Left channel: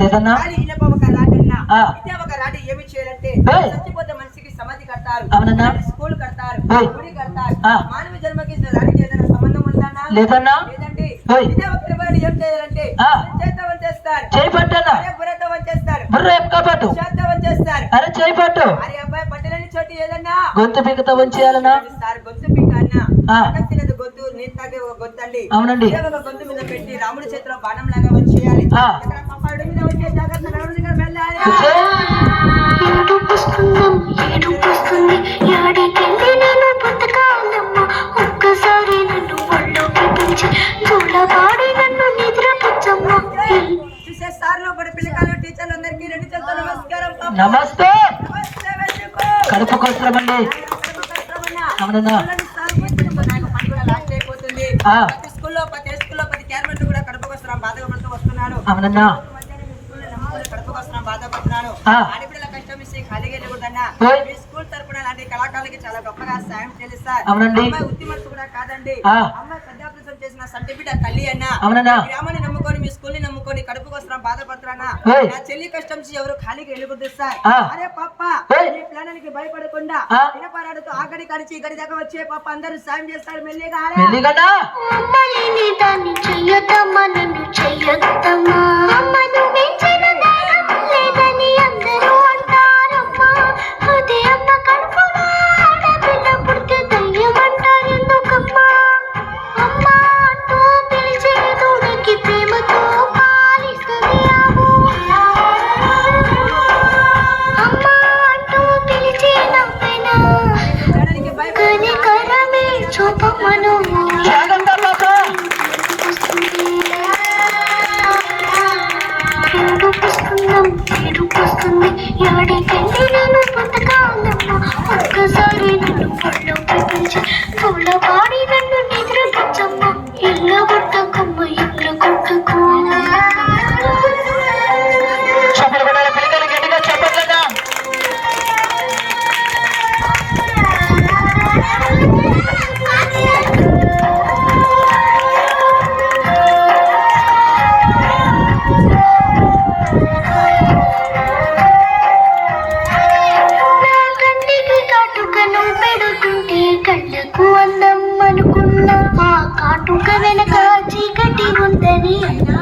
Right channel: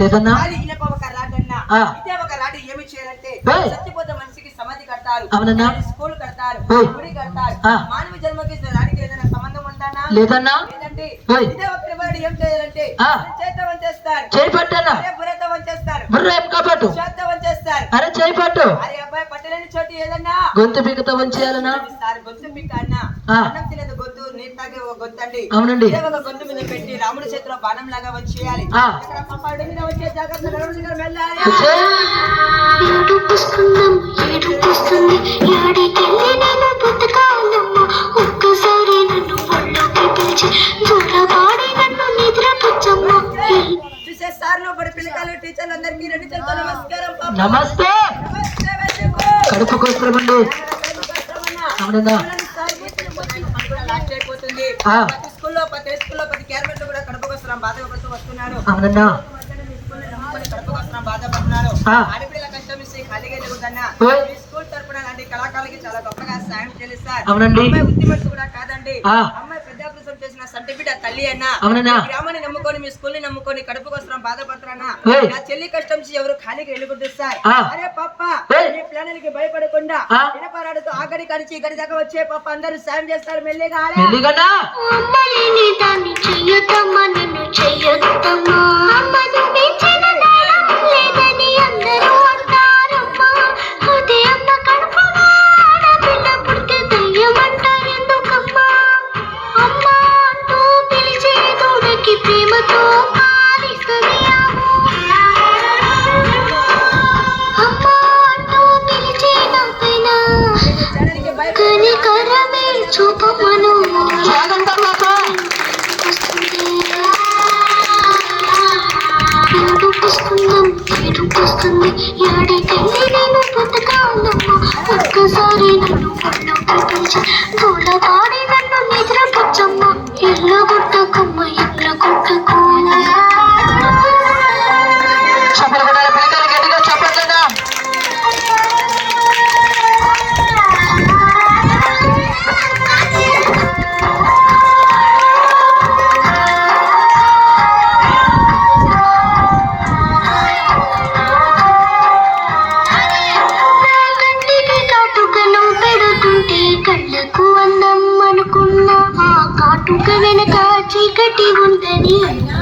లేదన్నా ఏమి చేయాలంటే చచ్చిపోతే మనిషికి సమాధి కడతారు, స్కూల్ కడతారు, గుడి కడతారు. మానవ జన్మకి రాడికి ఏదైనా సంబంధం ఉందా? లేదన్నా. లేదండి. ఇదే ఒక ఏం చేయాలంటే చేతవం చేస్తారు, బుర్రతవం చేస్తారు, చేతవం చేస్తారు. అరే అబ్బాయి పట్టలేని చోటు ఏదన్నా గొంతు బిగతవం చేయాలన్నా? గొంతు బిగ అన్న అన్నం తినదు గొంతు, నీరు తాగే గొంతండి. అవునండి. ఒక గొంతు మీద పెట్టి రాముడి చేతిలో బాణం లాగా వచ్చేయాలి. ఇక్కడ పప్పాడు మీద వచ్చే జాగ్రత్త వెళ్ళాలి. చూసే సార్లు బడి పిల్లకాయలు టీచర్లు అందరికీ రెండు చేతులతో నమస్కారం. నమస్తే. కడుపు కోసమండి. అవునన్నా. ప్రతి స్కూల్లో ప్రతి క్యారమెంట్ కూడా కడుపు కోసం బాధపడుతూ వస్తున్నారు. అవునన్నా. కడుపు కోసం బాధపడుతున్నారు. ఆడపిల్లల కష్టం ఇస్తే ఖాళీగా వెళ్ళకూడదన్నా. మీ స్కూల్ తరపున లాంటి కళాకారులకి చాలా గొప్పగా సాయం చేస్తారు. అమ్మాయి ఉత్తిమట్టు కూడా కాదండి. అమ్మాయి పెద్ద ఆపరేషన్ చేసిన సర్టిఫికేట్ తల్లి అన్న. గ్రామాన్ని నమ్ముకొని మీ స్కూల్ ని నమ్ముకొని కడుపు కోసం బాధపడుతున్నా. నా చెల్లి కష్టం ఎవరు ఖాళీగా వెళ్ళకూడదు సార్. అరే పప్ప మీ ప్లాన్లకి భయపడకుండా వినపరాడుతూ ఆగడి కడిచి గడి దాకా వచ్చే పప్ప అందరూ సాయం చేస్తారు. మెల్లిగా ఒక్కసారి నన్ను పాడి నన్ను నిద్ర పుచ్చమ్మ ఇళ్ళ గుట్టకమ్మ ఇళ్ళ గుట్టకు. కళ్ళకు అందం అనుకున్నా ఆ కాటుక వెనక చీకటి ఉందని.